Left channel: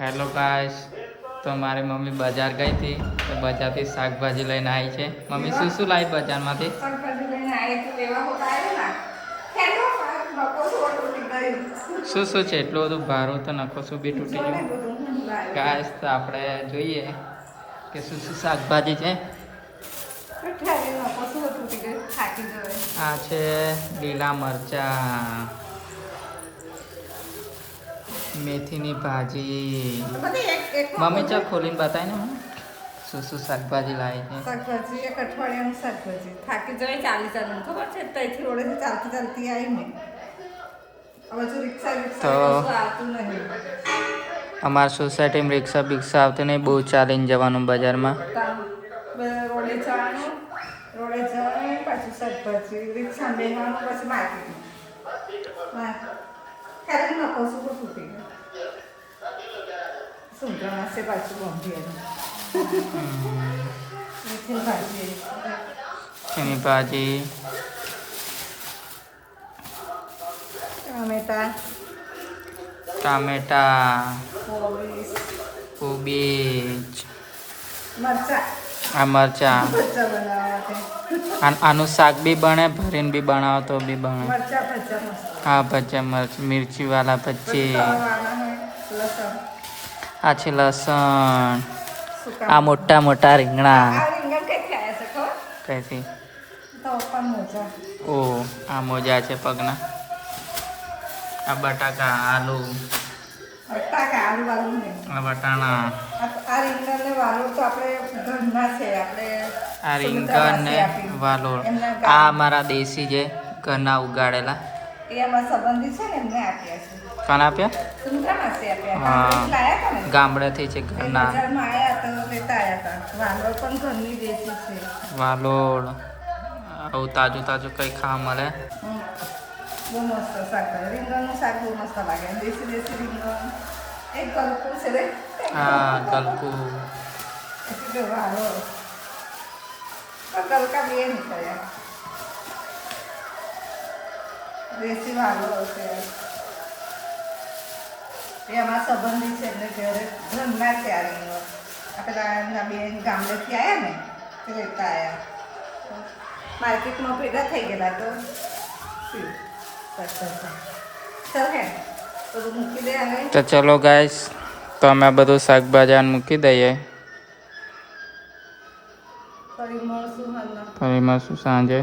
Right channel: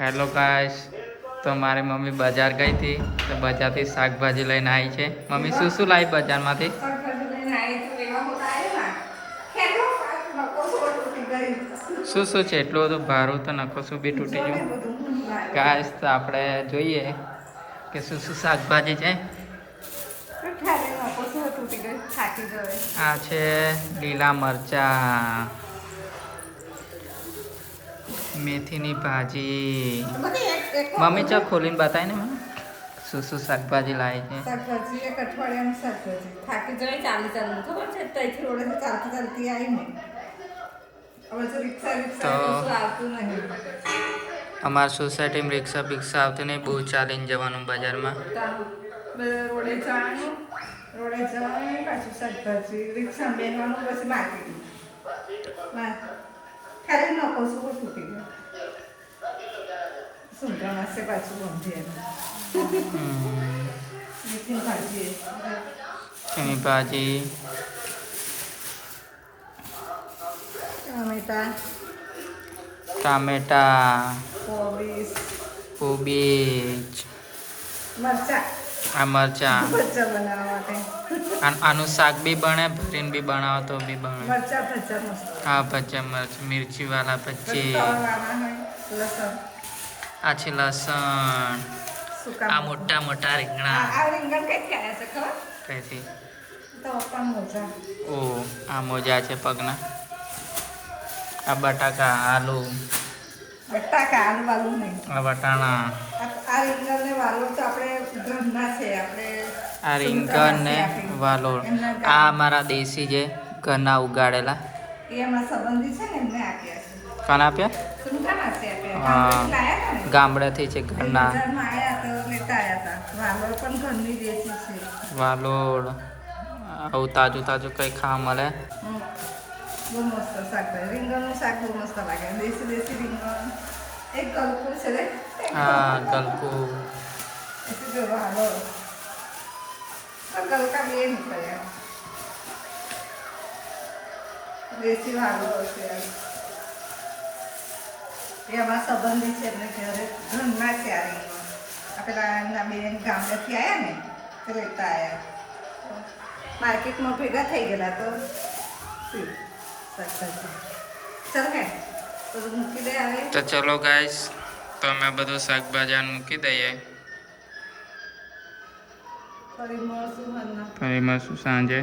Hello guys, તો મારી mummy બજાર ગઈ હતી તો બજારથી શાકભાજી લઈને આવી છે. મમ્મી શું શું લાવી બજારમાંથી? શું શું છે? એટલું બધું ભારું તો નખો શું બી તૂટી ગયું. ગાઈસ, તો આપણે જોઈએ કે શું શું શાકભાજી છે. આ છે લીલા મરચાં, મેથીની ભાજી. મમ્મી ચા ખોલીને બતાય ને મને શું શું શાકભાજી લાવી છે. શાકભાજી એક અઠવાડિયાનું શાકભાજી થાકી જાય ચાલી ચાલી ખબર છે ત્યાંથી રોડે ચાલતી ચાલતી આવીને હવે તો રિક્ષા કશું આવતું નહીં. અમારા સોસાયટીમાં રિક્ષા બિક્ષા આવતી નહીં, બહુ ચાલીને જવાનું બજારમાં. રોડે જવાનું પાછું શાકભાજી રિક્ષા બેસવાનું પછી માર્કેટ ખાલી નકો શું તૂટી ગયો સુંદર માસે પાછું ગંભીર એની ભાજી, ટામેટા, કોબીજ, આ મરચા. આનું શાક બી બને, ભરીને બી બનાવો તો બી બને. હા, ભજીયા મિર્ચી વાળા ભજી. આ છે લસણ. આ મોટા મોટા રીંગણા. કઈથી? ઓ, આ મોજા છે પગના. આ બટાકા, આલુ, આ વટાણા, આ રીંગણ ને વાલોળ. આ અમારા દેશી છે ઘરના ઉગાડેલા. કોણ આપ્યા? હા, ગામડેથી છે ઘરના. વાલોળ આવું તાજું તાજું કઈ ખાવા મળે. બહુ મસ્ત શાકભાજી રીંગણનું શાક બહુ મસ્ત લાગે દેશી રીંગણ એક ગલકું છે રે. હા, ગલકું. ગલકા બે નીકળ્યા દેશી વાલો છે એ અમારા સંબંધી છે એટલે ઘરે ઘરના છે આ રીંગણ આપણે બેન ગામડેથી આવ્યા ને તે લેતા આવ્યા માર્કેટમાં ભેગા થઈ ગયેલા તો તો ચલો ગાઈસ, તો અમે બધું શાકભાજી મૂકી દઈએ. ફરી મળશું સાંજે.